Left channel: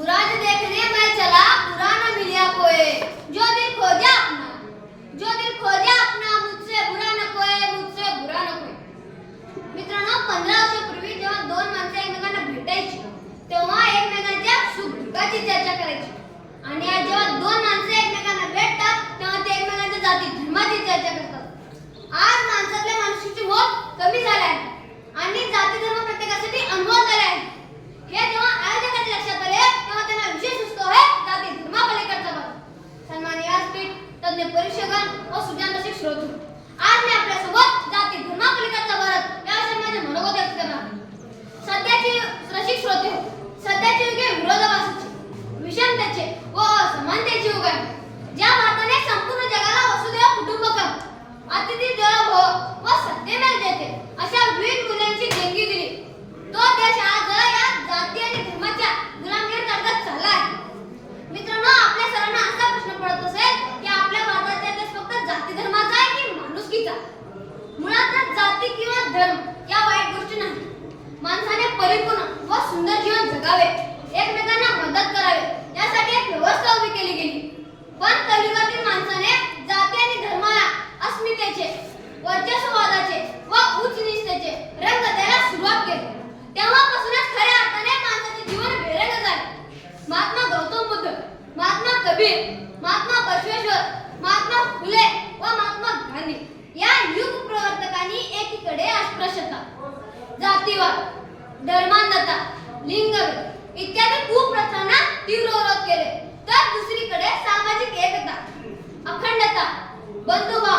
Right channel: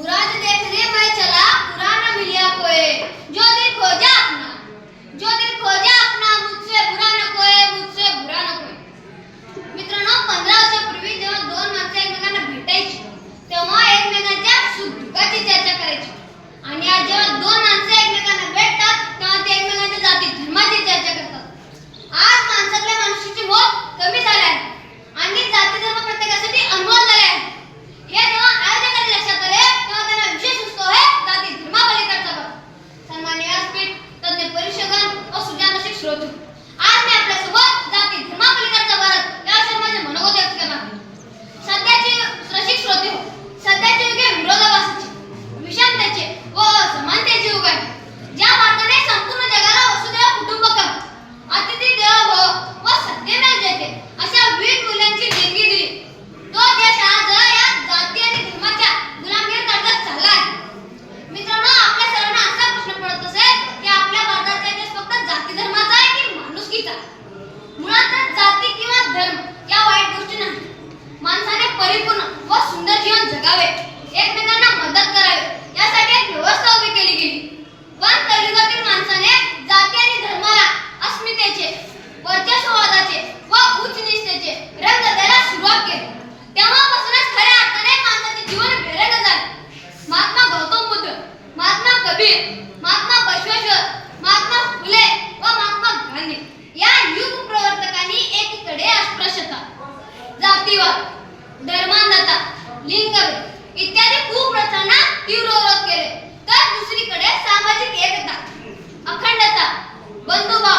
मुराद देखने मैं चला पुराना मिलिया कोए जो दिल खोजा अपना जो दिल खो म्हणजे परिषगण व सुज्ञानाचे स्रोत आज मी आपल्यासोबत जाती धर्मापलीकडचा भारत या संबंधी मनोगत व्यक्त करणार सध्याची रसिक श्रोते हो. सध्याचे युगे परिपूर्ण व सुंदर जीवन जगावे. एकमेकांना मदत करावे. यासाठी एक व्यवस्था उभी केली गेली. पण कलियुगातील माणसाने जाती आणि धर्माला अस्मितेचे वर्चस्ववादाचे व उच्च निष्ठेचे रंग द्यायला सुरुवात केली. तेव्हापासूनच खऱ्या अर्थाने माणसाचे जीवन भेरंग झाले. महात्मा गौतम बुद्ध महात्मा कबीर महात्मा बसवेश्वर महात्मा फुले व महात्मा गांधी या युग प्रवर्तकांनी एकीकडे अस्पृश्यता जातीवाद धर्मांधता लिंगभेद इत्यादी कुप्रथांना तीव्र विरोध केले. तर दुसरीकडे सामाजिक एकता अखंडता बंधुभाव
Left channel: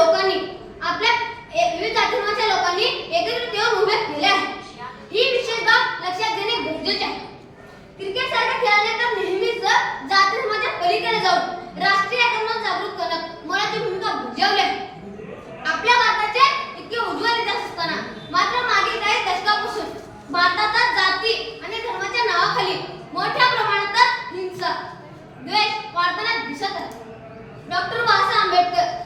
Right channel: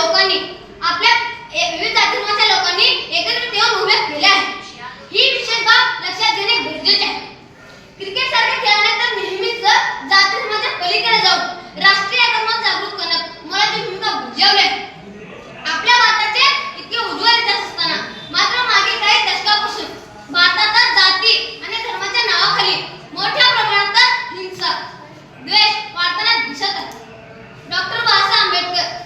लोकांनी आपल्या विविध जातींच्या लोकांनी एकत्रित येऊन उभे केले आहे ही विशेष बाब लक्षात घेणे गरजेचे आहे. क्रिकेट सारखे खेळणे तर नेहमीच जाती धर्माच्या पलीकडे जाऊन राष्ट्रीय आक्रमण जागृत करण्यात मोलाची भूमिका बजावली आहे. आपल्या भारताचे इतके उज्ज्वल इतिहास असताना मात्र मागील काही दशकापासून भारतात जाती आणि धर्माच्या नावाखाली मोठ्या प्रमाणात हिंसा द्वेष वाढताना दिसत आहे. डॉक्टर बाबासाहेब आंबेडकर